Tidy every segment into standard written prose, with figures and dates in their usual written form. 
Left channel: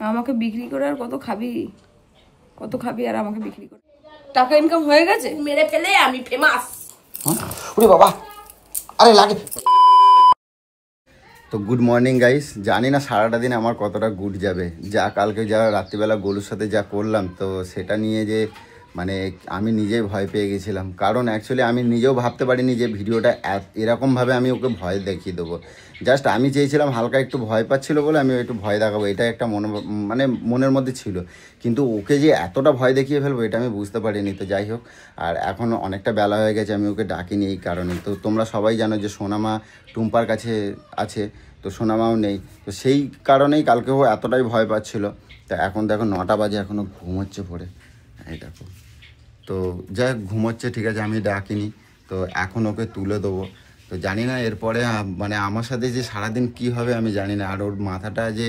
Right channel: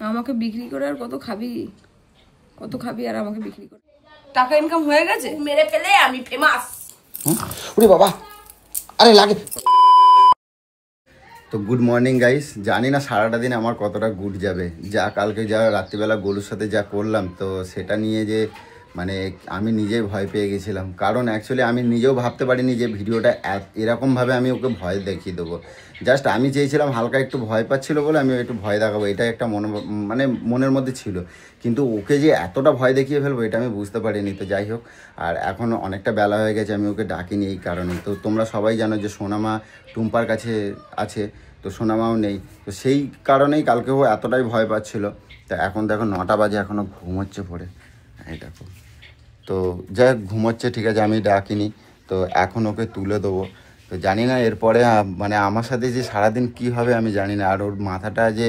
আমাকে বিক্রি করে আর কত খাবি আর আমাকে বিক্রি করে টাকা ইনকাম হয়ে গেছে, মেরে ফেলে আমি ফেমাস। ওরে বাবা, আরে লাগে। তো গুড মর্নিং গাইস, জানি না সারাটা দিন আমার কতটা গুড যাবে। যা কালকে যা রাত্রিবেলা গোলুর সাথে যা করলাম, তো সেটা নিয়ে যে মানে আমি নিজেই ভয় পেয়ে গেছিলাম। কারণ অ্যাকচুয়ালি আমি নিজেও ভাবতে পারিনি যে ভিডিওটা এরকমভাবে আমি ওকে ভয় দেখিয়ে দেবো। জাস্ট আমি চেয়েছিলাম হালকা একটু ভয় পাচ্ছিল বলে আমি একটু ভয় দেখাবো, এটা একটা মানে মনের মধ্যে ছিল। কিন্তু ওকে যে এতটা ভয় দেখিয়ে ফেলবো এটা আমি বুঝতে পারিনি। তো যাই হোক, আর এখন অনেকটা বেলা হয়ে গেছে, আমি ওকে ডাকিনি এই কারণে। তো তোমরা সবাই জানো যে সোনামা টুম্পার কাছে আছে, তো সোনামাও নেই। তো সেই কারণেই কালকে ও এতটাই ভয় পাচ্ছিল। তা এখন দেখো 9টা বাজে, এখনও ঘুমোচ্ছে পড়ে। এই দেখো, তো যাই ঘুমোচ্ছে, ঠিক আছে, আমি ডাকিনি। তো এখন ওকে তুলে দেবো। তো জানি না এরপরে মানে আমার সাথে যে সারাদিন কী হবে আমি জানি না। আর ওর মাথাটা যে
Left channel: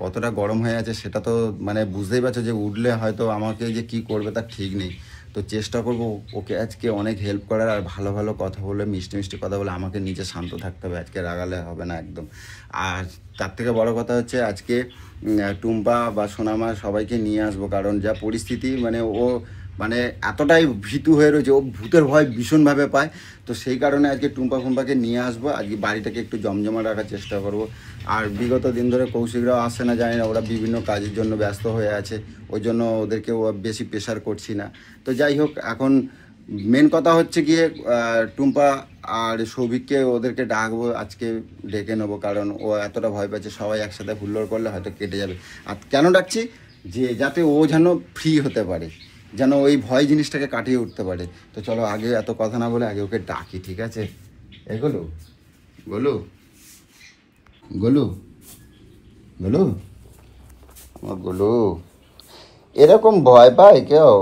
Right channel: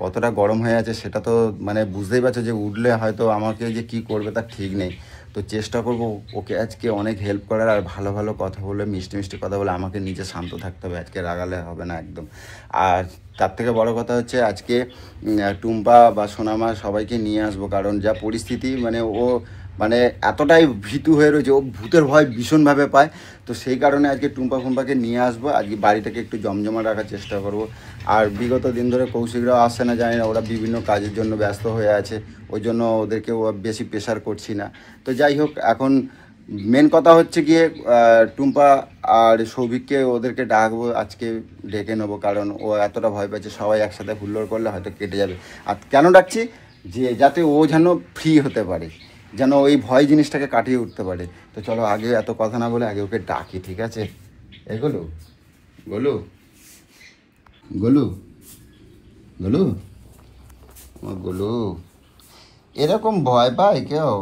কতটা গরম হয়ে আছে সেটা তো মানে বুঝতেই পারছো, যে উঠলে হয়তো আমাকে যে কি করবে তার ঠিক নেই। তো চেষ্টা করব ওকে আজকে অনেক হেল্প করার, আর ভালো ভালো কথা বলে, মিষ্টি মিষ্টি কথা বলে আমাকে নিজে শান্ত থাকতে হবে। আজকে রাগালে হবে না একদম। আর তার থেকে বড় কথা হচ্ছে আজকে টুম্পা বা সোনামা সবাইকে নিয়ে আসবো। কারণ যা পরিস্থিতি, মানে ও মানে এতটাই ভীতু হয়ে রয়েছে, ও ভূতের ভয় ভীষণভাবে পায়। তো সেই কারণে আজকে টুম্পা ফুম্পাকে নিয়ে আসবো। আজকে বাড়িটাকে একটু জমজমা রাখার চেষ্টা করব। আর বিগত দিন ধরে কৌশিকরাও আসছে না, জানি না, ওরা বিভিন্ন কাজের জন্য ব্যস্ত হয়ে আছে, ওই জন্য ওদেরকে বেশি প্রেশার করছি না। তো যাই হোক, এখন মেন কথা হচ্ছে গিয়ে টুম্পা আর সৌভিককে ওদেরকে ডাকবো, আজকে ডেকে নেবো। কারণ ও এতটা ভয় পাচ্ছে, সবাই একসাথে হুল্লোড় করলে হয়তো কেটে যাবে। আর কেন ডাকছি, যে যাতে ও যেন ফ্রি হতে পারে, যেন ওই ভয় জিনিসটাকে কাটিয়ে উঠতে পারে। তো চলো, আগে এত কথা না বলে আগে ওকে ডাকি, ঠিক আছে? এগুলো গোলু গোলু গোলু আমার গোলু এরকম ভয় পায় কেউ?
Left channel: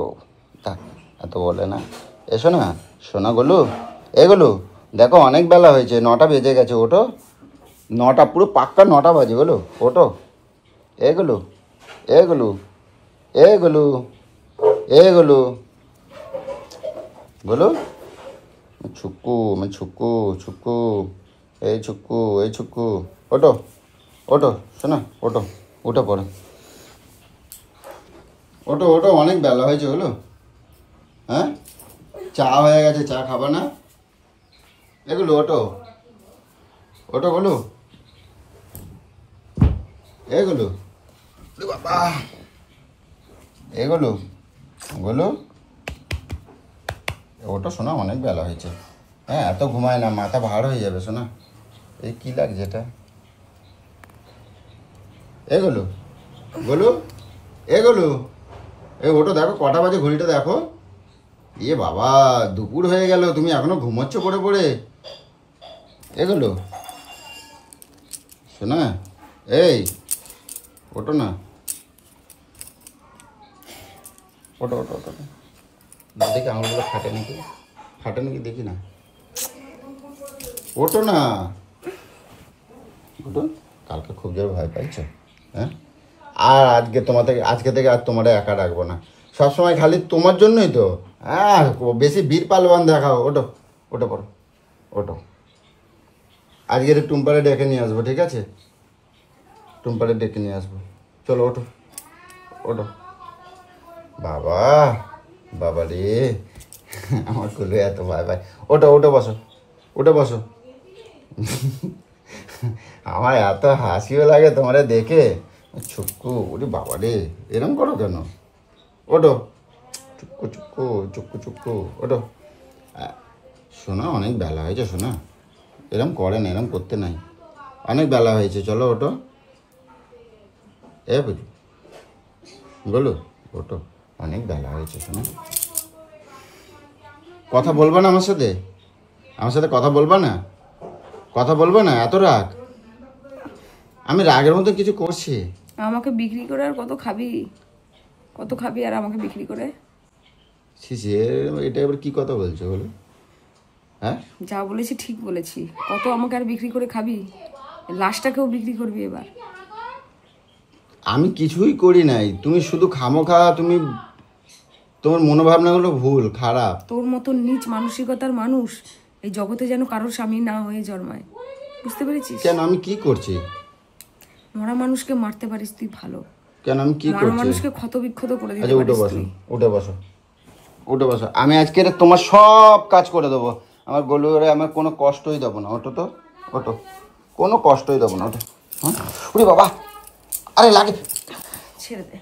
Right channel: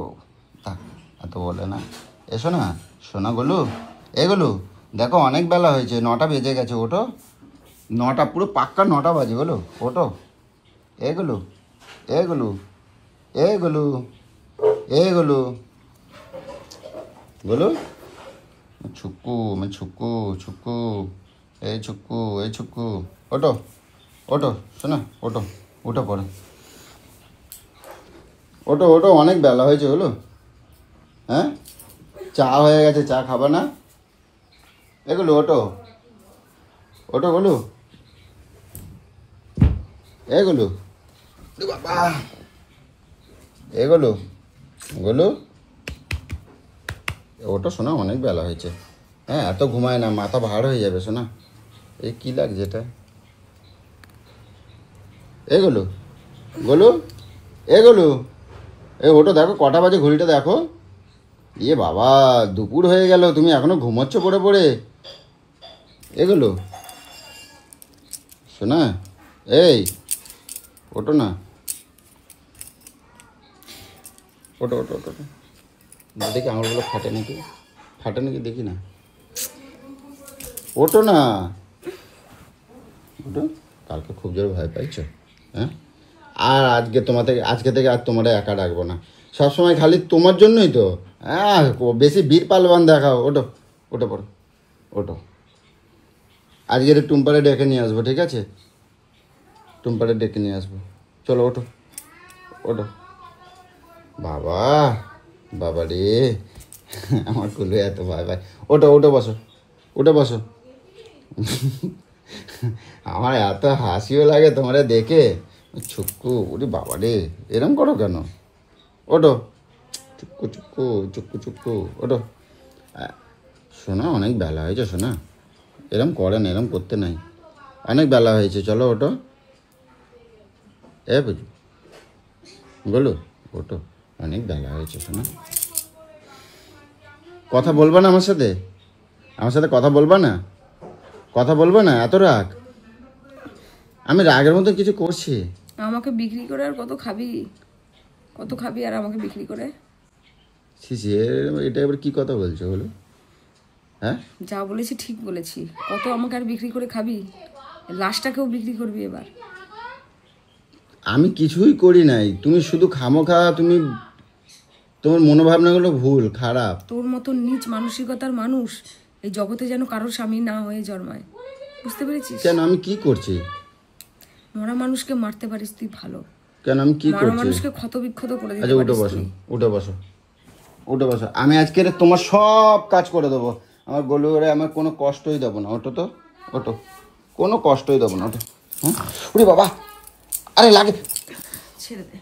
এত বলে না। এসো না শোনা গোলু, এগুলো দেখো অনেক বেলা হয়েছে, 9টা বেজে গেছে। ওটো 9টা, পুরো পাক্কা 9টা বাজে। গোলু ওটো, এগুলো এগুলো এগুলো এগুলো গোলু, ছুক্কু ছুক্কু ছুক্কু, এই ছুক্কু এই ছুক্কু, ওটো ওটো শোনা, ওটো উঠে পড়ে, ওটো ওটো, অনেক বেলা হয়েছে। হলো, হ্যাঁ, চা হয়ে গেছে, চা খাবা না? এগুলো ওটো ওটো গোলু, এগুলো বাবা, এগুলো গোলু ওটা শোনা, অনেক বেলা হয়েছে। হ্যাঁ, এত ঘুমায় না, মাথা ভার হয়ে যাবে শোনা। এই কী লাগছে এটা? এগুলো গোলু, এগুলো এই ওটো দেখো কটা বাজে, ঘড়িটা দেখো। ইয়ে বাবা, দুপুর হয়ে গেল, তুমি এখনো ঘুমোচ্ছ পড়ে পড়ে। এগুলো শোনা, এই ওটো না, ওটো ওটো ওটো, দেখি আঙুলগুলো ফাটে নাকি দেখি না। ওটো না, ওটো। কালকে খুব জোর ভয় পাইছো, হ্যাঁ? আর আজকে থেকে আর তোমার একা রাখবো না, সবসময় খালি তোমার জন্যই তো। হ্যাঁ, বেশি বীর পালবান দেখাও। ওটো ওটো পড়ো, ওটো। আজকে টুম্পারে ডেকে নিয়ে আসবো, ঠিক আছে? টুম্পারে ডেকে নিয়ে আসবো, চলো ওটো ওটো। বাবা বাবা রে, আমার কুলে এত ভয় পায়। ওটো ওটো বসো, উঠে বসো। আমার এত হাসিও লাগে তোমারে দেখে। ছুক্কু, ওরে বাবা রে, এরম করো কেন? ওটো, চুক্কু চুক্কু চুক্কু চুক্কু, ওটো। শোনা, অনেক বেলা হয়েছে শোনা, এরম করে না, এরম করতে নাই, অনেক বেলা হয়েছে, চলো ওটো। এ বুঝু বলো, ওটো, অনেক বেলা হয়েছে শোনা। কথা বলবা না আমার সাথে? কথা বলবা না? কথা বলবো না? এত রাগ? আমি রাগের মতো কিছু করছি? আমাকে বিক্রি করে আর কত খাবি আর আমাকে বিক্রি করে? এটা এবার কি কথা বলছো বলো? হ্যাঁ, যা বলেছি ঠিক বলেছি। কত আমাকে আর বিক্রি করে খাবি? লাশটাকেও বিক্রি করবি এবার? আমি কিছুই করি নাই, তুমি শুধু খামোখা, তোমার মনোভাবনাগুলো ভুল, খারাপ। তোর মতো নীচ মানসিকতার মানুষ এই জগতে যেন কারোর স্বামী না হয়ে জন্মায়, বুঝতে পেরেছিস? কেন, আমি কি করছি? মরা মানুষকে মারতে পারিস তুই ভালো, কেন আমি কি করছি? মানুষকে ক্ষত বিক্ষত করে দিতে আচ্ছা উঠে বসো, উঠে বসো, উঠে বসো। আমি আজকে তোমার সব কাজ করে দেবো। আমার গোলুরে আমার কোনো কষ্টই দেবো না। ওটো তো, ওটো, কোনো কষ্টই দেবো না। ওটো। হ্যাঁ উড়ি বাবা, আরে লাগে, ছেড়ে দে।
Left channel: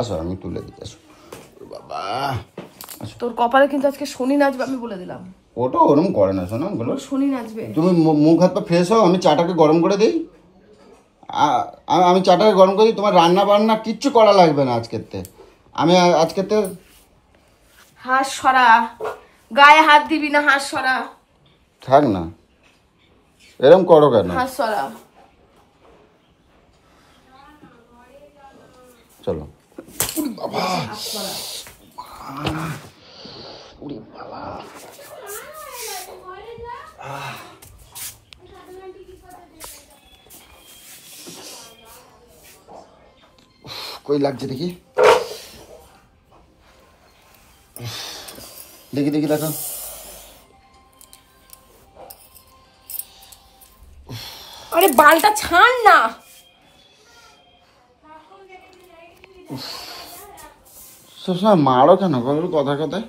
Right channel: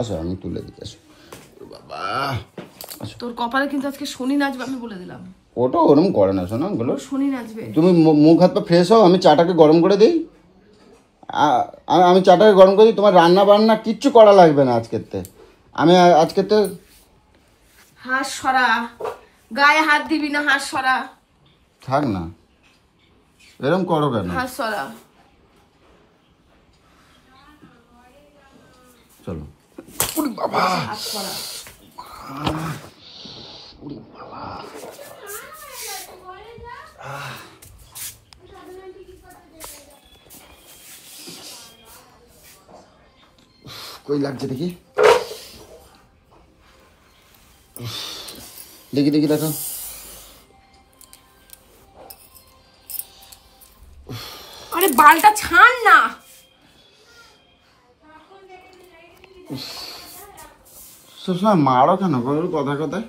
আসো আমি তুলে দিতে। আসো বাবা, তোর কপালে কিন্তু আজকে শনি নাচবে, আমি বলে দিলাম। ওটা ওরম করে না শোনো, গুলো শনি নাচবে। তুমি মুখ হাত পা ফ্রেশ হও, আমি চাটাকে গরম করে দিই। আমি চাটাকে গরম করে দিই, তোমার রান্না বান্না কিচ্ছু করা লাগবে না আজকেতে। আমি আজকেতে হাত সরা, গায়ে হাত দিবি না, হাত সরা। থাক না, এরম করো কেন? হাত সরা। চলো। বাবা হাত সরা। কই লাগছে দেখি, দেখি দেখি দেখো। আরে বালটা ছাড় না। সবসময় মারো কেন বলো? কথায় কথায়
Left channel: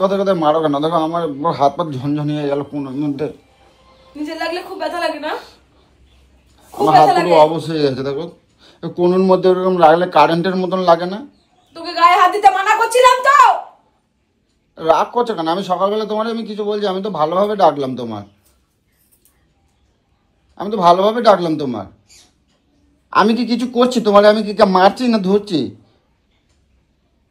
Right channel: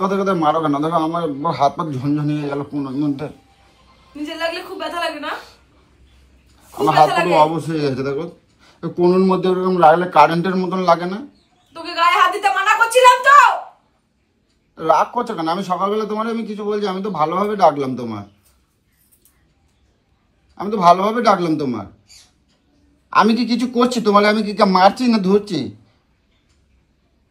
কথায় কথায় মারো কেন? দেখো আমার হাত পা ঝনঝন হয়ে গেল কোনোর মধ্যে। নিজে লাগলে খুব ব্যথা লাগে না? খুব ব্যথা লাগে। অবশ্যই গেছে দেখো, কোনোর মধ্যে ওরকম রাখলে কারেন্টের মতন লাগে না? তোকে গায়ে হাত দিতে মানা করছিলাম তো। রাগ করছো কেন? আমি সকালবেলা তোমার আমি কিছু বলছি? আমি তো ভালোভাবে ডাকলাম তোমার, আমি তো ভালোভাবে ডাকলাম তোমার। আমি কি কিছু করছি তোমার? আমি কি মারছি না ধরছি?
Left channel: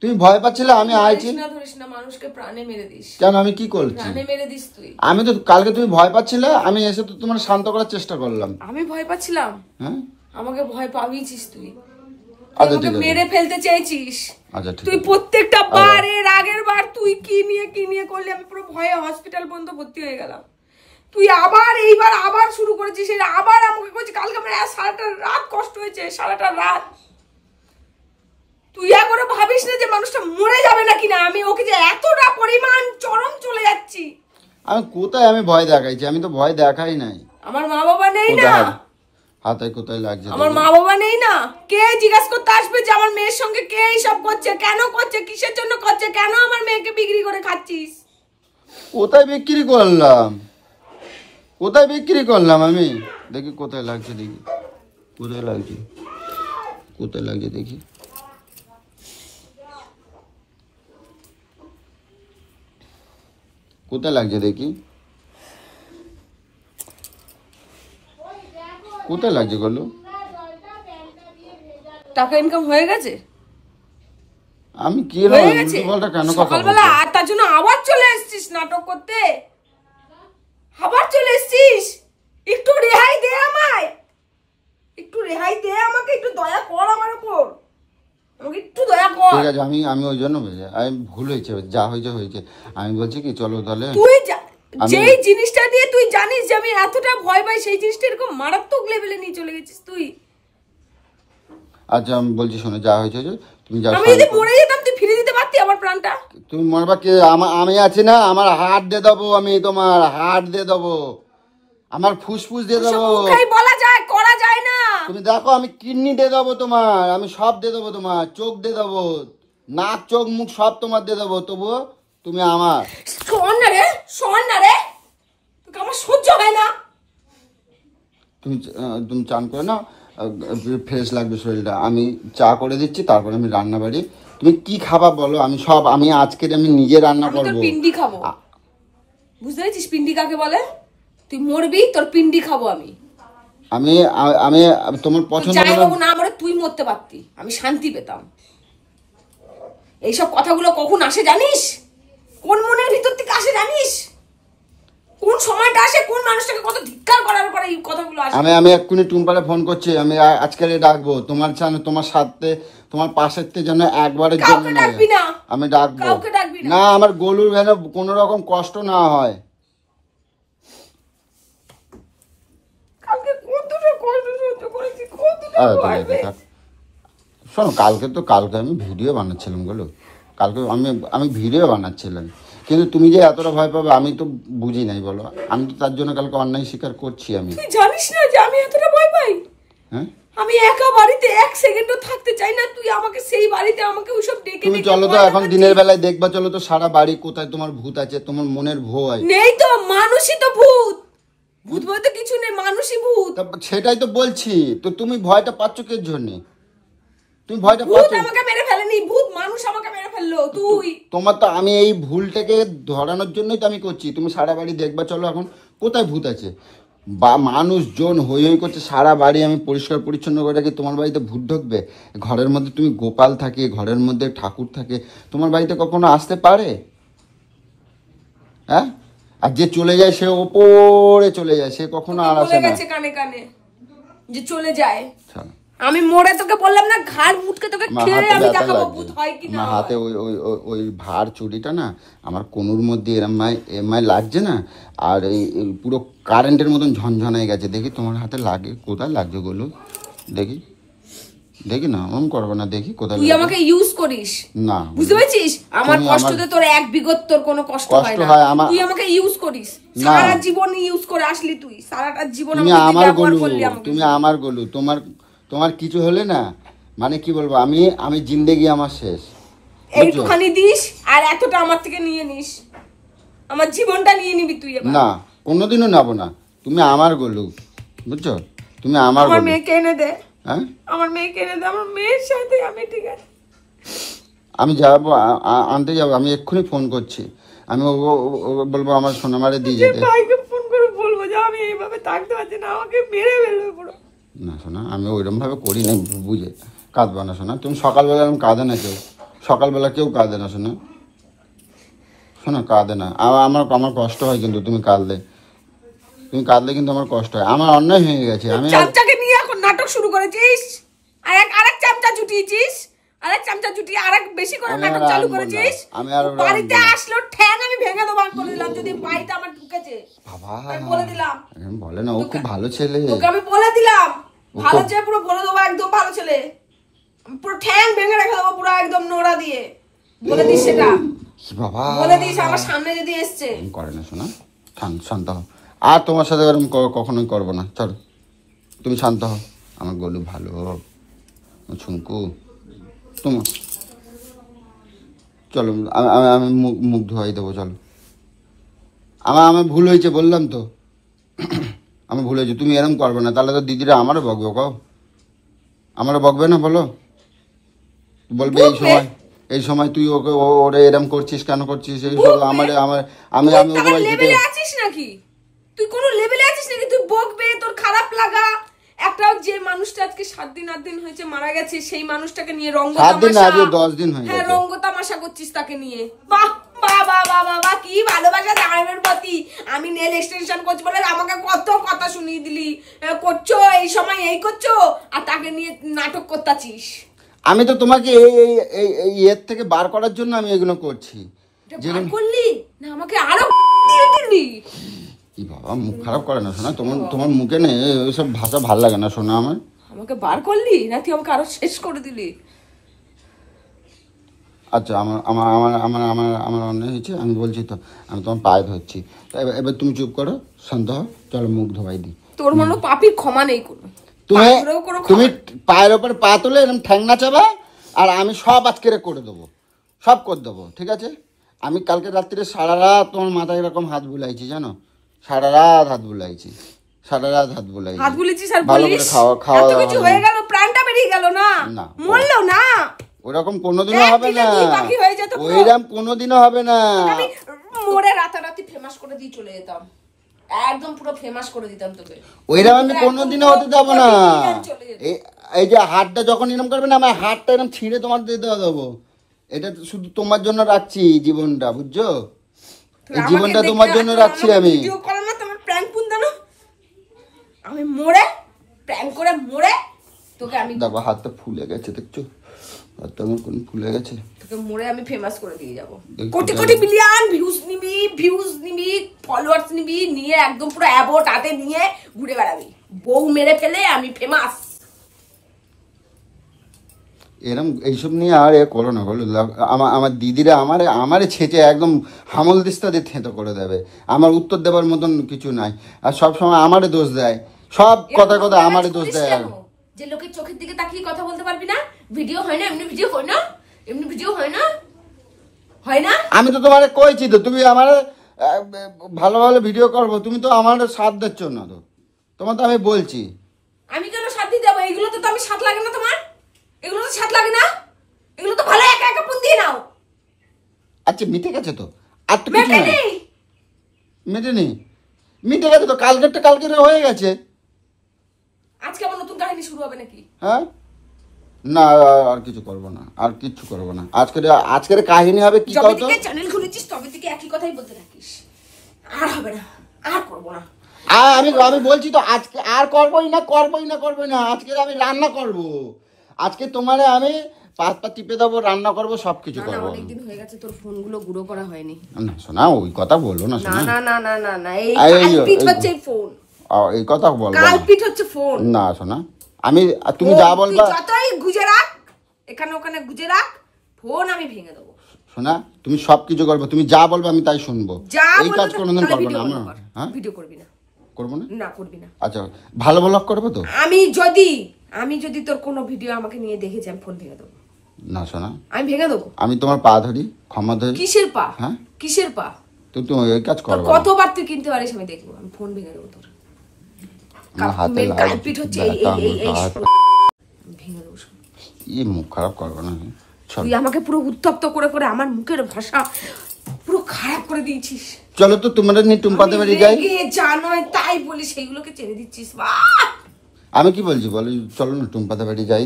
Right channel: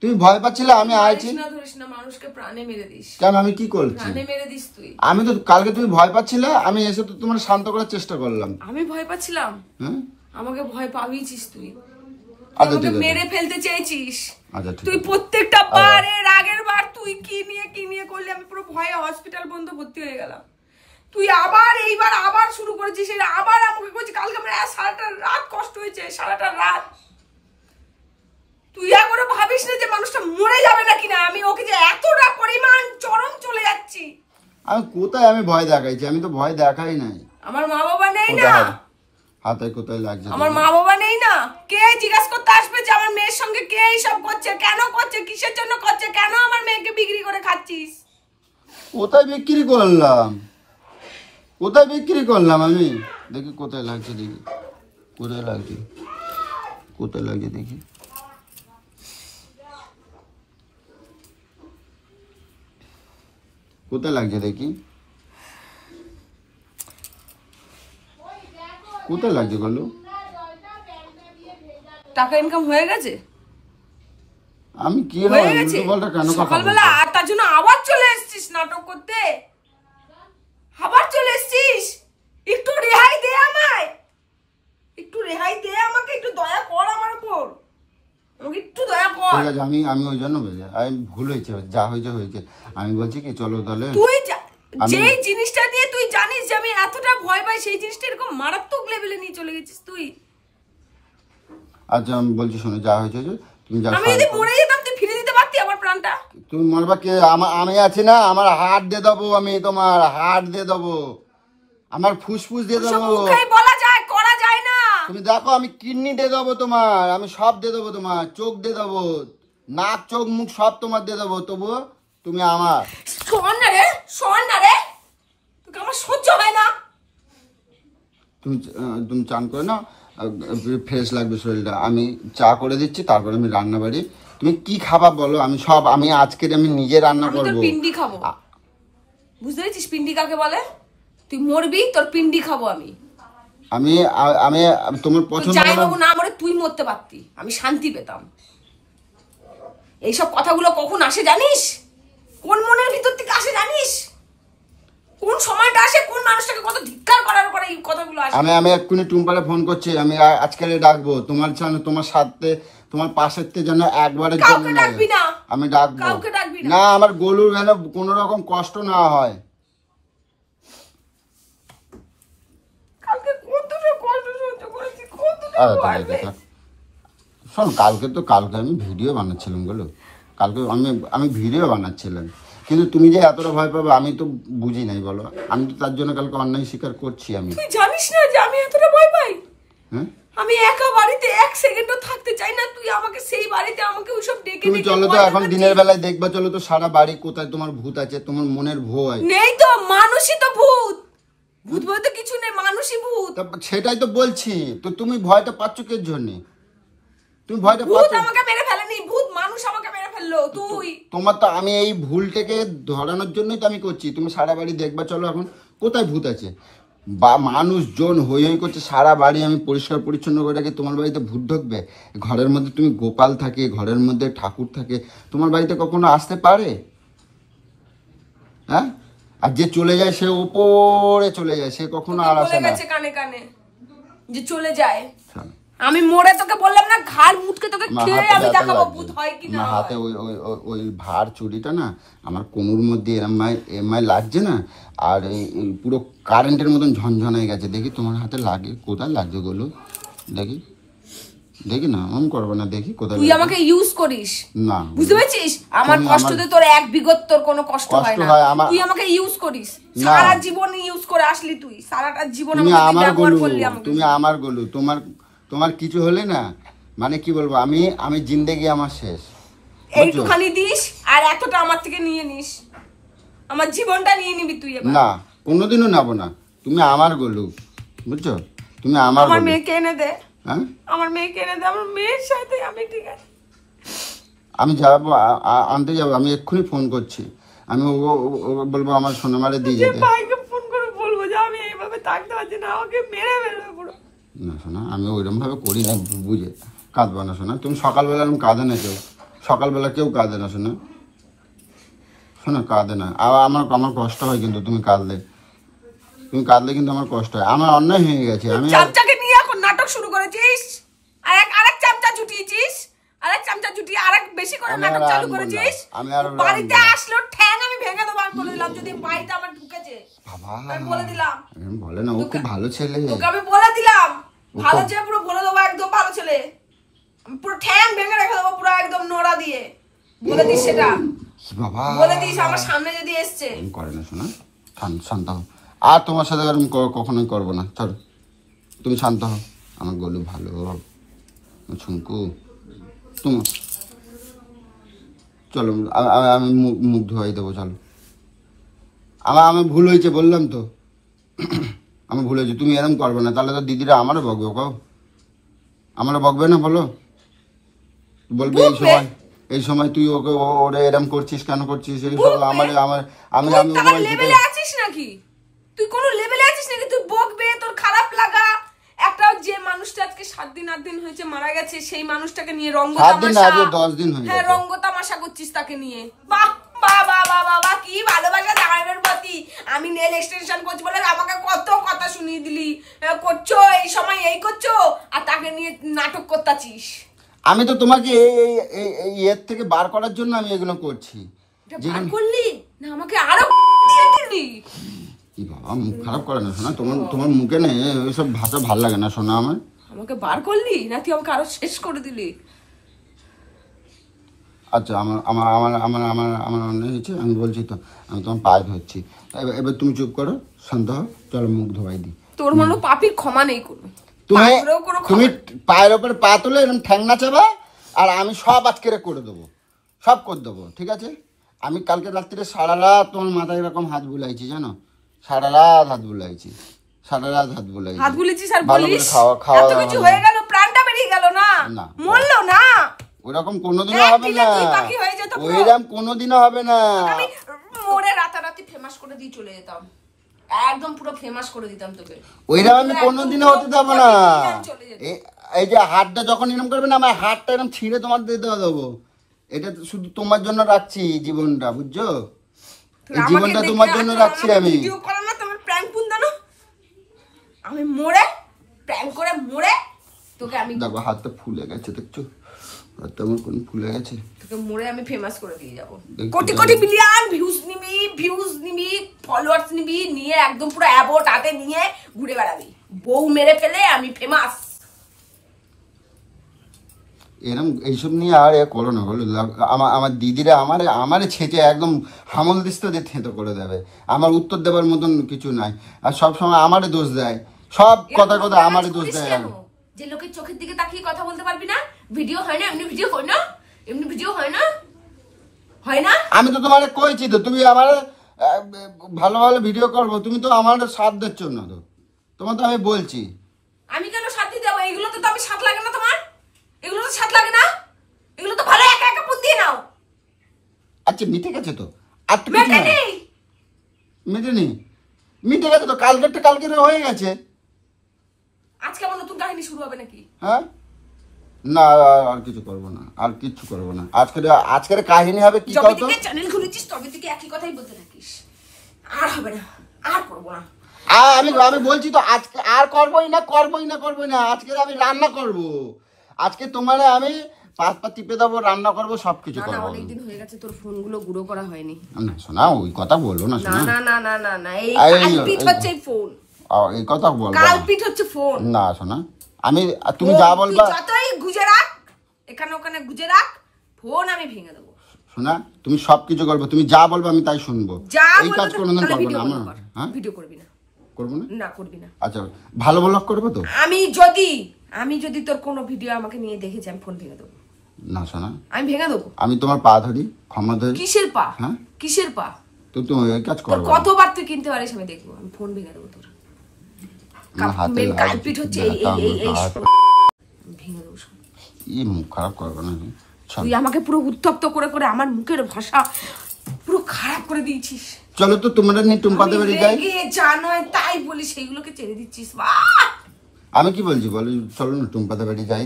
তুমি ভয় পাচ্ছিলে, আমি আইছি না। ধরিস না, মানুষকে প্রাণে মেরে দিস। কেন? আমি কি করছি? প্রাণে মেরে দিস তুই। আমি তো কালকে তুমি ভয় পাচ্ছিলে, আমি এসে তো তোমার শান্ত করার চেষ্টা করলাম। আমি ভয় পাচ্ছিলাম? হ্যাঁ, আমাকে ভয় পাবিয়েছিস তুই। আচ্ছা আমাকে ঠিক আছে, মেরে ফেলতে চেয়েছিস। আচ্ছা ঠিক তুই আছে। প্রত্যেকটা বারের আগের বার তুই কি নিয়ে করলি, আমি পুরো ভয়ে হসপিটাল পর্যন্ত ভর্তি হয়ে গেলাম। তুই আবার এইবার আবার শুরু করেছিস, আবার আমাকে কইছিস। কালকে আমার সারাটা রাত কষ্ট হয়েছে, সারাটা রাত। তুই একবারও ভাবিস না যে মানুষটা মরে যাবে নাকি না? আমি ওকে যে এতটা পরিমাণ চরম চলে যাচ্ছি। আমি কোথায় আমি ভয় দেখাইছি? আমি তো ভয় দেখাই নাই। আমার মা বাবা নেই না? হাতায় কোথায় লাগছে? আমার মা বাবা নেই না? কে জিজ্ঞাসা করতে আসবে যে আমার মেয়ের সঙ্গে কে এইসব করছে, কেন করছে, কিসের জন্য করছে, কেন আমার মেয়েকে বিক্রি করে খাচ্ছিস? কোথায় বিক্রি করলাম? কোথায় বিক্রি করলাম আমি? দেখি কোথায় লাগছে, দেখি কোথায় লাগছে, কোথায় লাগছে দেখি। কোথায় লাগছে দেখি, কোথায় লাগছে বলো? টাকা ইনকাম হয়ে গেছে? আমি কি হয়ে গেছে? কেন সকালবেলা আর তার জন্য আবার চলে এসেছিস নাটক করতে? আবার চলে এসেছিস? একটু রেহাই দে আমায়, একটু রেহাই দে আমাকে, একটু দয়া কর আমার উপর, আমাকে একটু দয়া কর। ঠিক আছে, আমি ওই জন্য আমি ভুল হয়েছে, যা হয়েছে হয়েছে। আমি বলছি কি, চলো তাহলে। তুই যেই জিনিসটা দিয়ে তুই জানিস যে আমি এতটা ভয় পাই, সেই জিনিসটা এরকম মারাত্মক লেভেলে নিয়ে চলে গেছিস তুই। আচ্ছা আমি বলছি, শোনো, যা হয়েছে তুমি যা। আমি যদি মরে যেতাম তুই ফিরে দিতে পারতি আমার প্রাণটা? তুমি মরবা কি? আমি আছি না, আমার হার্ট দিয়ে দেবো, আমি তোমার হার্ট দিয়ে দেবো, আমার ফুসফুস দিয়ে দেবো। মুখেই বলা যায়, করা যায় না। তুমি দেখো, আমি কিডনি দিয়ে দেবো তোমার, আমি সব দিয়ে দেবো তোমার, চোখ দিয়ে দেবো, নাক চোখ মুখ সব তোমার দিয়ে দেবো, তবুও তুমি আমার। শোন না রে, শোন না রে, তোকে আমার সহ্য হয় না। তুমি চান করে না, ফ্রেশ লাগবে শরীরটা। আমি চা করে দিচ্ছি, তারপর আমি রান্না বাড়ি। তুমি কি খাবার বলো, আমি সব, আমি আজকের আমি নিজে রান্না করবো। তোর পিন্ডি খাবো, বুঝতে পেরেছিস? পিন্ডি কাকে বলে? তুই মরবি, তোর পিন্ডি খাবো আমি। আমি আমি তোমার পছন্দ। জামাইবাবু না মরে তুই মরতে পারতি, আমি শান্তি পেতাম। এইসব কথাগুলো কখন আসে জানিস? কোন মনের ভিতর থেকে আসে জানিস? কোন সময়টা আসে, কোন মানুষটাকে কত ধিক্কার করার পরে এই কথাগুলো আসে। আমি এক্ষুনি টুম্পারে ফোন করছি, আমি আজকে ডাকবো তোমার তোমার সাথে, তোমার পাশের থেকে যেন একবারে কাউকে ডাকবি না। আমি ডাকবো, কাউকে ডাকবি না। না আমার গলুর যেন কোনো রকম কষ্ট না হয়। কালকে কতটা কষ্ট সহ্য করেছি, কতটা বাড়বে। শোনো, কালকে আমি ভিডিও বানাচ্ছিলাম বলো, কালকে আমি ভিডিও বানাচ্ছিলাম, কিন্তু তুমি যে এতটা ভয় পাবে আমি তো বুঝি নাই বলো। আমি তো তার জন্য কালকে অন্যায় স্বীকার করছি। আমি তুই জানিস না যে আমি এতটা ভয় পাই? হ্যাঁ আমি একা বাড়িতে এক সেকেন্ডও থাকতে চাই না, তুই আমাকে সেই বাড়িতে আমাকে ওইসব ডেকে তুমি ডেকে চলো তো ভয় এখন দেখাচ্ছিস। দিনের বেলায় দেখবা, চলো তো সারা বাড়ি কোথায় তোমার ভূত আছে, তোমার মনের ভয়। নেই তো, মানুষই তো ভূত, ভূত বলতে কিছু নেই, মানুষই ভূত। সেটাই তো বলছি, তো তুমি ভয়টা পাচ্ছ কে জন্য? তুমি ভয়টা ভূত পাচ্ছ, আমাকে মেরে ফেলেনি, ভূত মানুষ আমাকে মেরে ফেললো। তুই তোমার তো আমি এই ভুলটাকে ধরানোর জন্যই তো আমি করছি। তুমি সারা বাড়ি দেখবা, চলো এখন কোথায় ভূত আছে। বা মানুষজন হই হই করছে, সারা বাড়ি আমি পরিষ্কার পরিচ্ছন্ন করে রাখি, তোমার বাড়িতে ভূত ঢুকবে? ঘরের মধ্যে তুমি গোপাল থাকে, ঘরের মধ্যে ঠাকুর থাকে, তোমার বাড়িতে কখনো আসতে পারে? হ্যাঁ, আর যে চলে যায় সে ওপরে চলে যায়, সে কখনো তোকে আর বলে আসে না। গেছে কানে কানে যে চলে যায়। আচ্ছা, আমি মরে তোকে বললাম না, ঘাড় মুটকে তোকে আমার খেয়ে হাতে আমি ব্যথা দেখাবো লাগছে। ভূত হয় কি না আমার হয়। হাতে ওই ভার চুরিটা না আমার কোনোর মধ্যে এরমাই লাগছে না, আর এই পুরো কারেন্টের মতন ঝনঝনায় গেছে। দেখি তোমার হাতে লাগে, কোথায় লাগছে বলো দেখি, দেখি না ওম করবে না, দেখি কোথায় তুই লাগছে। আমাকে ইউজ করিস, না বুঝতে পেরেছিস? আমার তুমি কষ্টতে তোর এক বিগত তোর কোনো কষ্ট কষ্ট হয় না। হয় আমার। তুই আমাকে ইউজ করিস, না। সারা জীবন ইউজ করে আসলি তুই, সারাটা জীবন তুমি আমাকে তুই আমার ব্যবহার গলু, করলি আমাকে। তুমি আমার গলু, তোমার কিছু হলে না মানে কি বলবো, আমি জিন্দেগি আমার শেষ। এইটুখানি দিস আর এতটা আমার থেকে নিয়ে নিস, আমার জীবনটা নিয়ে নিবি তুই এবার। না, কোনোদিনও নেবো না, তুমি আমার গলু, বুঝছো? তুমি আমার গলু। মেয়েকে এনে দে, হ্যাঁ, আমার মেয়েকে এনে দে, আমার মেয়ের সাথে আমি ঠিক আছে। আমি যাবো, আনতে যাবো, আমি এক্ষুনি ফোন করছি। আমি ও বলবো আমার সোনামারে দিয়ে যে যেতে। ভাইকে ফোন করে বলবো যে আমি এইভাবে থাকতে পারছি না, আমাকে মেরে ফেলবে পুরো। না শোনা, আমি ওইরকম ভাবে করিনি, বুঝে কাঁদবো না শোনা। তুমি সকালবেলা এরকম কাঁদে না কেউ, সকালবেলা কেউ কাঁদে না শোনা, শোনা কাঁদে না। আমার কষ্ট হয় কিন্তু তুমি কাঁদলে কিন্তু আমার কষ্ট হয়, আমার অন্যায় হয়ে গেছে। আমি চামচাকে নিয়ে এখন নাটক শুরু করেছিস, আরেক চামচা জুটিয়েছিস, আরেক চামচা জুটিয়ে আরেক বেশি করে নাটক চালু করেছিস। ও বাড়িতে আসলো ঠ্যাং আমি ভেঙে দেবো, আমি বলে দিলাম। যদি বাড়িতে আমার ঢুকেছে আমি বলে দিলাম। বলে না, ও খুব ভালো ছেলে, তোকে আমি বলে দিলাম ভালো ছেলে, পুরো বলে দেবো একদম ভালো ছেলে, আমি পুরো ঠ্যাং ভেঙে রেখে দেবো পুরো একদম নোড়া দিয়ে। বলে দিস সেটা, বাবা বলে দিস আমার সামনে যদি এসছে। করে না শোনা, শান্ত হও। আর তোমার সাথে এরকম কখনোই করবো না, চলো তুমি শান্ত হও। আমার গলু ভালো, ছুঙ্কু তোমার, চলো আমি মুখ ধোয়াই দেবো, চলো। আমার ভুল হয়েছে বললাম তো, আমার ভুল হয়েছে। তুমি এরকম করবে না, তাহলে তো দিদিরা আমারও বকবে। কও আমারও বকবে না, বলো বলবে এই সময় তুই ওরে এরকম করছিস, কেন করছিস? এই সব আমি তার লেভেলে আছিস নাকি? তুই কোন লেভেলে আছিস নাকি? তুই বকবে, তোর খারাপ লাগা। একটা যে মানুষটা আজকে 7 দিন 8 দিন হয়েছে মারা গেছে, সেই মানুষটাকে নিয়ে রঙ্গ তামাশা, 10 দিন হয়ে হ্যাঁ রঙ্গ তামাশা করছিস তাকে নিয়ে। বাহ বাহ বাহ বাহ বাহ, কি ভালোবাসা জামাইয়ের প্রতি। আমি নেল এক্সটেনশন করছি বলে আমাকে কত কথা শুনিয়ে দিলি, করছো এই সময় এই করছো, আর তাকে নিয়ে নাটক করতাছিস। আমি তো তোমাকে এই এর থেকে বার করার জন্য আমি এগুলো করছি। বার করলি না, আমাকে আরো দিয়ে দিলি। কি বাবা, মুখ খারাপ করে না শোনা, তোমার মুখে নেই ওইসব ভাষা ভাল লাগে না শোনা। আমাকে বার করলি না, তুই আমাকে আরো শেষ করে দিলি। আচ্ছা, আমার অন্যায় হয়েছে, আমি বলছি তো, আমি তোমার পায়ে ধরছি। এবার তুমি চুপ করো, শান্ত হও, চলো মুখ ধোয়াই দিই। তোর মনে পাপির ক্ষমা নেই কোনো, তুমি পায়ের উপর পা তুলে এরকম ঠ্যাং নাচাবা, আর আমি সব আজকে করে দেবো, সব করে দেবো, ঠিক আছে? আমি কালকে রাত্রিরে সারা রাত তোমার মাথায় এরকম হাত বুলাইছি, জানো? সারা রাত হাত বুলাইছি, হাত বুলেছিস। আর বলিস এত কিছু হয়ে গেল, প্রাণটা বেরিয়ে গেল না, মরলো না, ওরকম কোনোদিনও হবে না, ওইরকম কোনোদিনও হবে না। আমি মরে রাতারাতি ফেমাস করে দিয়ে চলে যেতাম, একদম পুরো ফেমাস করে দিতাম তোকে। ওইরকম আমি কোনোদিনও হতে দেবো না। এই যে হাতটা যখন এরকম করবে না, আমার হাতটা এরকম ছিঁড়ে তোমার দিয়ে দেবো। এটা শুধু তোমার জন্য রাখছি জীবনটা, বুঝছো? এই জীবনটা তোমার জন্য রাখছি আমি। ভিডিও করো না, তোমার প্র্যাঙ্ক পুন্দা না, আমি মরে প্র্যাঙ্ক করে মরে তোকে আমি দেখো হাতটা ফুলে গেছে, দেখছো হাতটা আমার কোন ফুলে গেছে, তোকে মরে আমি ফেমাস করে দিয়ে যাবো। কোটি কোটি মিলিয়ন ভিউজ নিবি ফলোয়ার্স নিবি, নিয়ে একদম পুরো অ্যাবোট হাতে নিয়ে ঘুরে বেড়াবি, বউ মেরে ফেলে আমি ফেমাস। এরকম এইসব নিয়ে আর করো না, বলো। আমার দিদিরা আমারে ছেঁচে একদম হামল দিস্তা দিয়ে থেঁতো করে দেবে, আমার উত্তর দেবার মতন কিছু নাই। আর সবসময় আমারে দোষ দেয়, সব কথা আমারে দোষ দেয়। যে লোকের চোখের দিকে তাকিয়ে কথা বলতে পারবি না? ভিডিও হয় না, এমনি ভিডিও হয় না, এমনি ভিডিও হয় না, হয় না? আমি তো তোমার কইছি তো, তুমি আমার ভালো ভালো ভিডিও করবো, তুমি তো আমার সাথ দিচ্ছ না তো। তোমার তো আমি বলছি। আমি কেন সাথ দিতে যাবো? এগুলো তো আমি সাথ লাগে না তোমার? এগুলো তো সাথ লাগে না? এগুলো তো ভালো একা একা ফোন দিয়ে নাও। আচ্ছা মিটে গেছে তো, আর তো মেটে নেই, মিটে নেই, মিটে গেছে তো, কালকেরটা কালকের হয়ে গেছে। আজকে আবার নতুন কাহিনী শুরু হবে নাকি? হ্যাঁ না, আর কিছু করবো না, আর কিছু করবো না। আজকের কাহিনী হবে কি? যবে থেকে চ্যানেল খুলেছিস তবে থেকে একই কথাই বলতে থাকিস। আর হবে না, আর করবো না। আমি বলছি তো, আজকে আর করবোই না। আজকে আমি রান্না করব, আজকে তোমারে আমি পাত টিপে দেবো, রান্না করবো, সবকিছু করবো। না অনেকদিন হয়ে গেছে তোর ফোনগুলো গুঁড়ো করা হয়নি। না শোনা, ওই কথা বললো না। না এই কালপিট হচ্ছে এই ফোন। এই কথা বল, কালপিট হচ্ছে ফোন। না শোনা, তুমি যা বলবা, যতই গুজে রাখ, এখানে ওখানে গুজে রাখ, ফোন আমি ভেঙে দেবো। শোনা, তুমি সবকিছু করবে, তুমি যা বলবে আমি তাই শুনবো। এই কাজ কোনোদিন করবে না আমার। হ্যাঁ, ভিডিও করবি না? করবো না। না করবি না। আচ্ছা, ভালো ব্লগ করবে তো? আমি যদি তোর কোনো ভিডিও আমাকে নিয়ে দেখেছি, আমি ফোন ভেঙে দেবো। না শোনা, আমি ভেঙে দেবো। আমি তোমার পা ধরি, ক্ষমা ধরি। কিসের পা? হ্যাঁ, কিসের পা? তো তুমি এই কাজ করো। কতবার তুই কিনতে পারিস আমি দেখবো, আমি ফোন ভেঙে দেবো তোর। কালপিট হচ্ছে এই ভেঙে দেবো। এই মুখ খারাপ করবো না। তুই আমাকে পুরো উত্তপ্ত করে করে আমার মুখের ভাষা পুরো খারাপ করে দিয়েছিস। চলো তো তোমরা নিয়ে টুম্পাতে বাড়ি যাই। যা নয় তাই বলি, সেইগুলোকে ছেড়ে দিচ্ছিস। আমি কি বলছি বলো, চলো না টুম্পাতে বাড়ি যাই,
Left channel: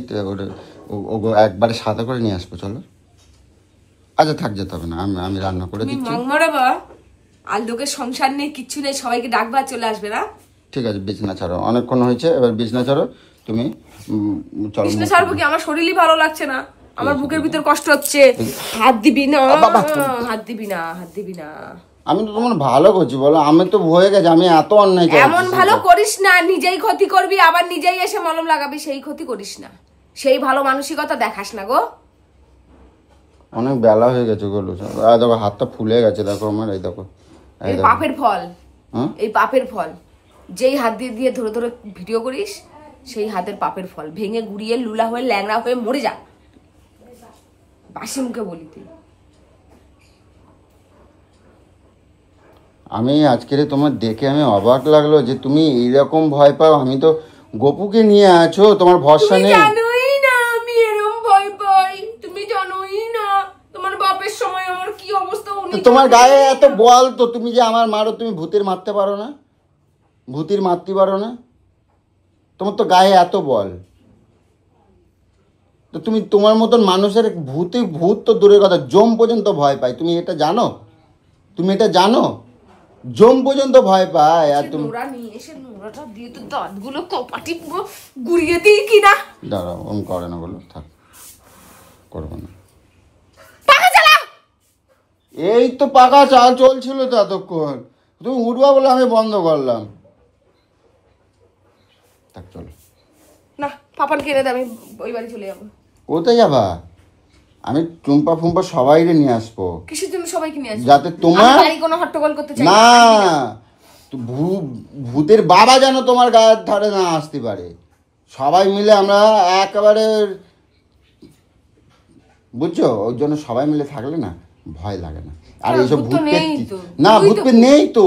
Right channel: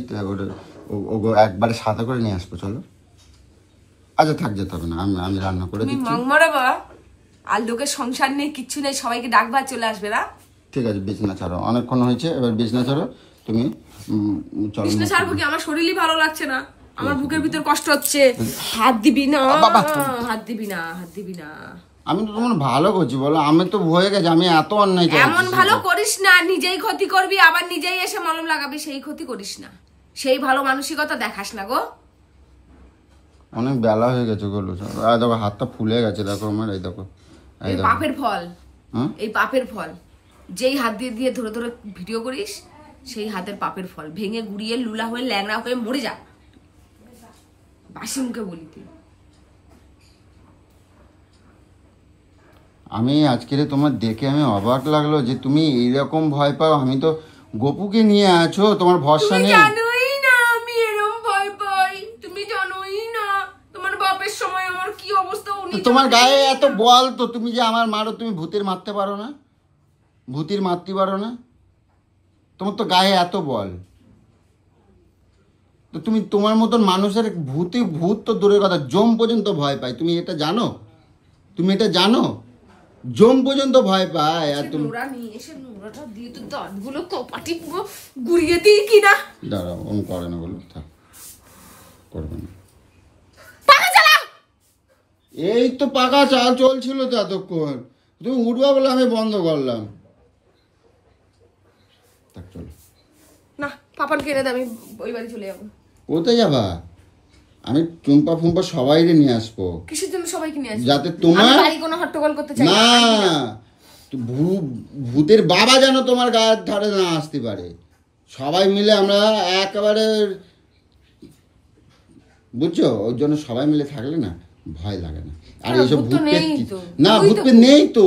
ওগো একবারে সাথে করে নিয়ে আসবো, চলো। আচ্ছা থাক, যেতে হবে না, আমি রান্না করে দিচ্ছি। মাংমারাবা আর লোকের সংসার নেই, কিচ্ছু নেই, সবাইকে ডাকবা চলে আসবে না? ঠিক আছে, বিছনা ছাড়ো, অনেকক্ষণ হয়েছে, এবার বিছনা ছাড়ো তুমি। চলো। বিছনা ছাড়বো কি? আমার শরীরই ভালো লাগছে না, আমার বুকের ভিতর কষ্ট হচ্ছে। হাত দিবি না, হাত দিবি না, হাত দিবি না। আমি তো তোমার ভালো করছি বলো, আমি তো হয়ে গেছে, আমি এত অন্যায় করেছি। এমন ভালো করিস না, নিজেই ক্ষতি করবি, আবার নিজেই এসে মলম লাগাবি, সেই ক্ষতি করিস না, সেই ভালো মানসিকতা দেখাস না গো। অনেক বেলা হয়ে গেছে গো, দেখো হাতটা ফুলে গেছে, দেখো আমার, এই দেখো। এই পাপের ফল, এই পাপের ফল। যেই হাত দিয়ে দিয়ে ধরে ধরে ভিডিও করিস, সেই হাতের পাপের ফল। ভেঙে গুড়িয়ে লুলা হয়ে ল্যাংড়া হয়ে মরে যা, বাসি মুখে বলি তুই। আমি আজকে তোমার দেখে আমি অবাক লাগলো যে তুমি এইরকম ভয় পাও। আমি তো গপুকে নিয়ে আছো, তোমার ভরসা নেই। জানোই না আমি এরকম ভয় পাই, তুমি জানোই না তোমার বাপের সময় আমার কি অবস্থা। তোমার গায়ে এত বল তো, তুমি যে আমার মারো, তুমি ভূতের মারতে পারো না? ভূতির মারতে পারো না? তোমার তো গায়ে এত বল, তো তুমি তোমার মতন মানুষের ভূত তো দূরের কথা, জম পর্যন্ত ভয় পায়। তুমি এটা জানো? তুমি এটা জানো? জম পর্যন্ত ভয় পায়। আর তুমি নোরা নিয়ে এসে নোরাটা দিয়ে তো দাঁতগুলো কপাটি পুরো গুড়িয়ে দিই কিনা। দাঁড়াও, আমি করে না বলো, থাক, করবো না। এই তো পাকা চাল চলছিল তো এতক্ষণ, তুমি উঠবা বলে আমি বন্ধ করলাম। থাক, চলো না, পাপান কিনে দে, আমি ওই বাড়ি চলে যাবো। কোথায় যাবা? আমি টুম্পা ফুম্পা সবাই নিয়ে আসবো। কিসের জন্য সবাইকে নিয়ে আসবো? যাতে তোমার বাড়ি কোনো হট্টগোল করতে চাই না, ভূতের বাবা যেন তোমার গায়ের ধারে না আসতে পারে। সবাই মিলে আমরা একেবারে, বুঝছো, ওর জন্য সবাই মিলে থাকলে না ভয় লাগে না। আর এইসব ভূত না, ভূত নেই তো,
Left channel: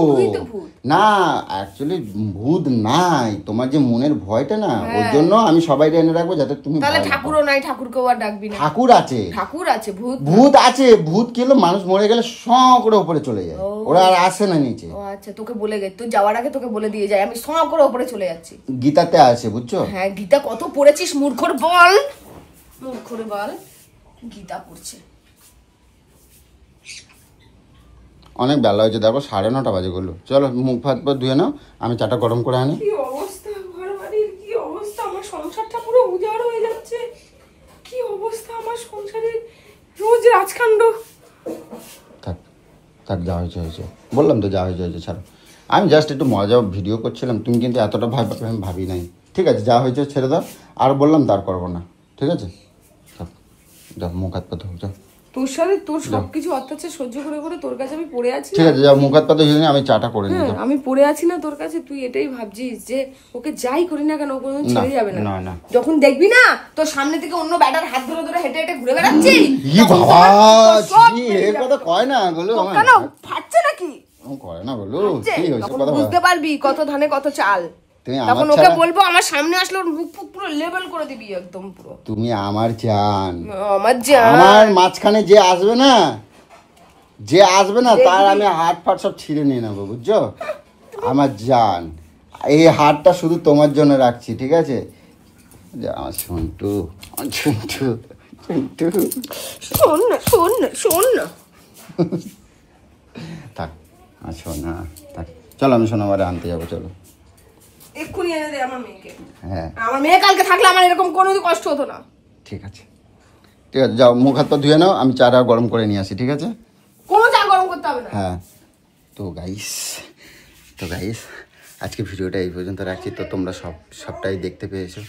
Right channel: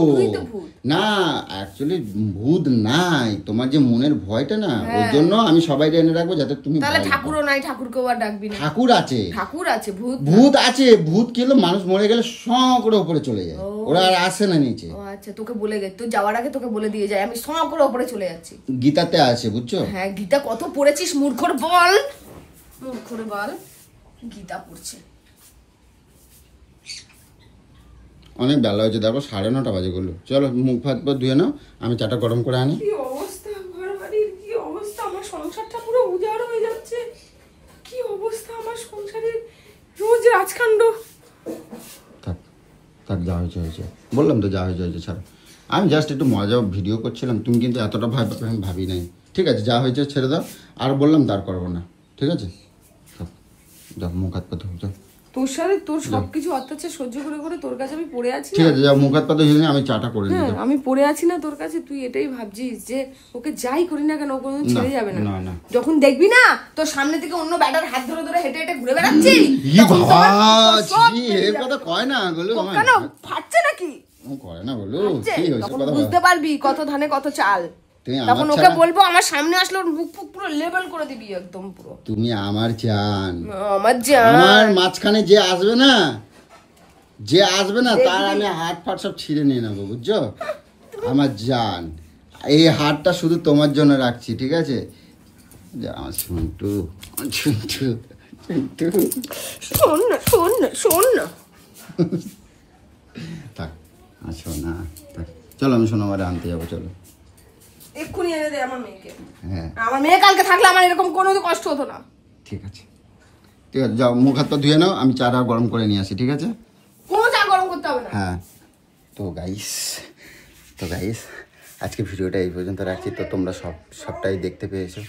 না অ্যাকচুয়ালি ভূত নাই, তোমার যে মনের ভয়টা না, ওর জন্য আমি সবাই এনে রাখবো যাতে তুমি। তাহলে ঠাকুরও নাই, ঠাকুরকেও আর ডাকবি না? ঠাকুর আছে, ঠাকুর আছে, ভূত আছে। ভূত কি হলো, মানুষ মরে গেলে স করে উপরে চলে যায়, ওরা আর আসে না নিচে। ও আচ্ছা, তোকে বলে গেছে, তুই যাওয়ার আগে তোকে বলে দিয়ে যায় আমি স করে উপরে চলে যাচ্ছি। গীতাতে আছে, বুঝছো? হ্যাঁ, গীতা কত পড়েছিস মূর্খর বল, মূর্খর বল, গীতা পড়ছে। অনেক বেলা হয়েছে, দেখো 9:30 বাজে গেলো। চলো মুখ হাত পা ধুয়ে নাও, আমি চাটা গরম করে আনি। কি অবস্থা ঘর বাড়ির, কি অবস্থা, আমার সংসারটা পুরো উজাড় হয়ে যাচ্ছে। কি অবস্থা আমার সংসারের, রোজ রাজকাণ্ড। থাক থাক, যা হয়েছে হয়েছে, বললাম তো যা হয়েছে হয়েছে, ছাড়ো। আমি জাস্ট একটু মজা ভিডিও করছিলাম, তুমি কিন্তু এতটা ভয় পাবে আমি ভাবি নাই। ঠিক আছে, যা হয়েছে ছেড়ে দাও, আর বললাম তার করবো না, ঠিক আছে? থাক, যাও মুখ হাত পা ধুয়ে যাও। তোর সাথে তোর সবকিছু অত্যাচার সহ্য করে করে তোর কাছে আমি পড়ে আছি। ঠিক আছে, যা মুখ হাত পা ধুয়ে নে, আমি চাটা করে নিই। হ্যাঁ, আমি পড়ে আছি না তোর কাছে, তুই এটাই ভাবছিস যে ওকে যাই করি না কেন ও কোনোদিন ছেড়ে যাবে না। না না, যখন দেখবি না তোর সামনে থেকে অন্য ব্যাটার হাত ধরে ধরে হেঁটে হেঁটে ঘুরে বেড়াচ্ছি, ই বাবা, জি এর কথা কয় না বলো। কেন ফাটছে নাকি? ও কয় না বলো, কি হইছে তখন কথা বুঝতে পারবি কত ধানে কত চাল। তুমি তখন আমার ওকে বলবো আমার সামনে আসলে ওর মুখ ফুক পুরো লেবেল করে দিবি একদম পুরো। তুমি আমার জান, আমার জান, আমার মাঝখানে যে আসবে না, যে আসবে না তার আমি হাত ফাট সব ছিঁড়ে নিয়ে নেবো, বুঝছো? আমার জান, এই হাতটা শুধু তোমার জন্য রাখছি, ঠিক আছে? সন্টু সন্টু সন্টু, শোন না শোন না শোন না। থাক শোন না, থাক, চলো আমি সোনামারে আনতে যাবো, চলো এক্ষুনি এনে দে আমার মেয়েকে। হ্যাঁ আমার মেয়ে কালকে থাকলে আমার এরকম কোনো কষ্ট হতো না। ঠিক আছে, ঠিক আছে, যাও মুখ হাত পা ধুয়ে নাও, আমি চাটা গরম করে নিয়ে আসি, ঠিক আছে? কোনো চা গরম করতে হবে না। হ্যাঁ, তো গাইস আজকে ভিডিওটা এই পর্যন্ত রাখছি। তো তোমরা সবটাই দেখতে পেয়েছো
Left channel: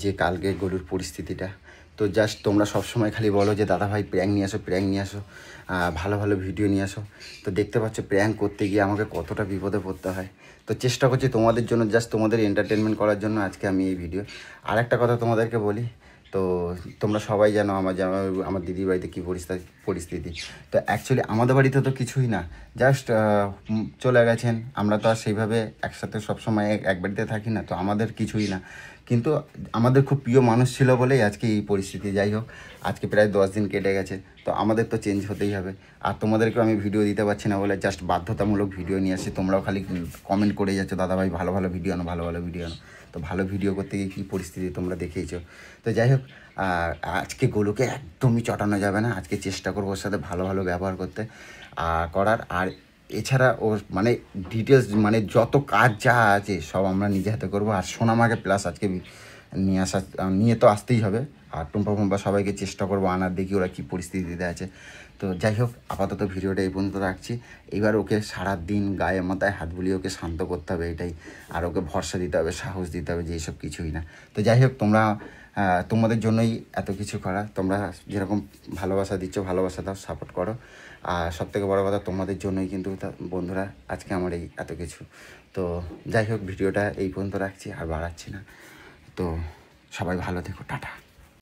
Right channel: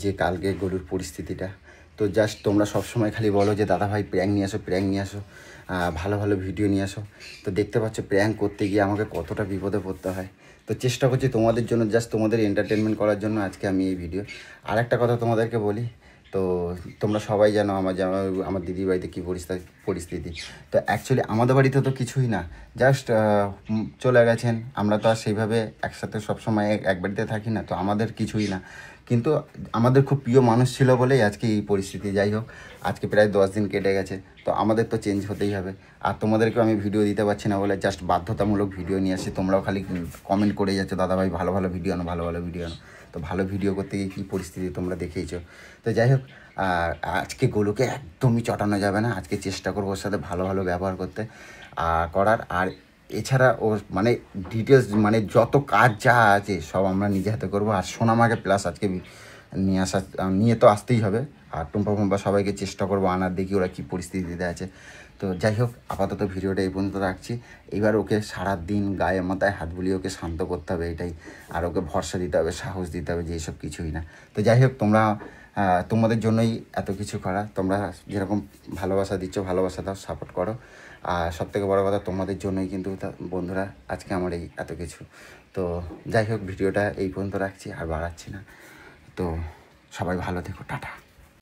যে কালকে গরুর পরিস্থিতিটা। তো জাস্ট তোমরা সবসময় খালি বলো যে দাদা ভাই প্র্যাঙ্ক নিয়ে আসো, ভালো ভালো ভিডিও নিয়ে আসো। তো দেখতে পাচ্ছ প্র্যাঙ্ক করতে গিয়ে আমাকে কতটা বিপদে পড়তে হয়। তো চেষ্টা করছি তোমাদের জন্য, জাস্ট তোমাদের এন্টারটেনমেন্ট করার জন্য আজকে আমি এই ভিডিও। আর একটা কথা তোমাদেরকে বলি, তো তোমরা সবাই জানো আমার দিদির বাড়িতে কী পরিস্থিতি। তো অ্যাকচুয়ালি আমাদের বাড়িতে তো কিছুই না, জাস্ট চলে গেছেন। আমরা তো আর সেইভাবে একসাথে সবসময় এক বাড়িতে থাকি না, তো আমাদের কিছুই না। কিন্তু আমাদের খুব প্রিয় মানুষ ছিল বলেই আজকে এই পরিস্থিতি। যাই হোক, আজকে প্রায় 10 দিন কেটে গেছে, তো আমাদের তো চেঞ্জ হতেই হবে। আর তোমাদেরকেও আমি ভিডিও দিতে পারছি না বলে জাস্ট বাধ্যতামূলক ভিডিও নিয়ে আসি। তোমরাও খালি কমেন্ট করে যাচ্ছ দাদা ভাই ভালো ভালো ভিডিও আনো, ভালো ভালো ভিডিও আনো। তো ভালো ভিডিও করতে গিয়ে কী পরিস্থিতি তোমরা দেখেইছো। তো যাই হোক, আজকে গোলুকে একদমই চটানো যাবে না। আজকে চেষ্টা করবো ওর সাথে ভালো ভালো ব্যবহার করতে করার। আর এছাড়া ওর মানে ডিটেলস মানে যত কাজ যা আছে সব আমরা নিজে হাতে করবো। আর সোনামাকে প্লাস আজকে নিয়ে তো আসতেই হবে। আর টুম্পা সবাইকে চেষ্টা করবো আনার, দেখি ওরা কী পরিস্থিতিতে আছে। তো যাই হোক, আপাতত ভিডিওটা এই পর্যন্ত রাখছি। এবার ওকে সারাদিন গায়ে মাথায় হাত বুলিয়ে ওকে শান্ত করতে হবে, এটাই। আর ওকে ভরসা দিতে হবে, সাহস দিতে হবে যে এইসব কিছুই না। তো যাই হোক, তোমাদের জন্যই এত কিছু করা। তোমরা যেরকম ভালোবাসা দিচ্ছ, ভালোবাসা দাও, সাপোর্ট করো। আর সবথেকে বড় কথা, তোমাদের জন্যই কিন্তু বন্ধুরা আজকে আমার এই এত কিছু। তো যাই হোক, ভিডিওটা এই পর্যন্ত রাখছি, আর বাড়াচ্ছি না। তো সবাই ভালো থেকো, টাটা।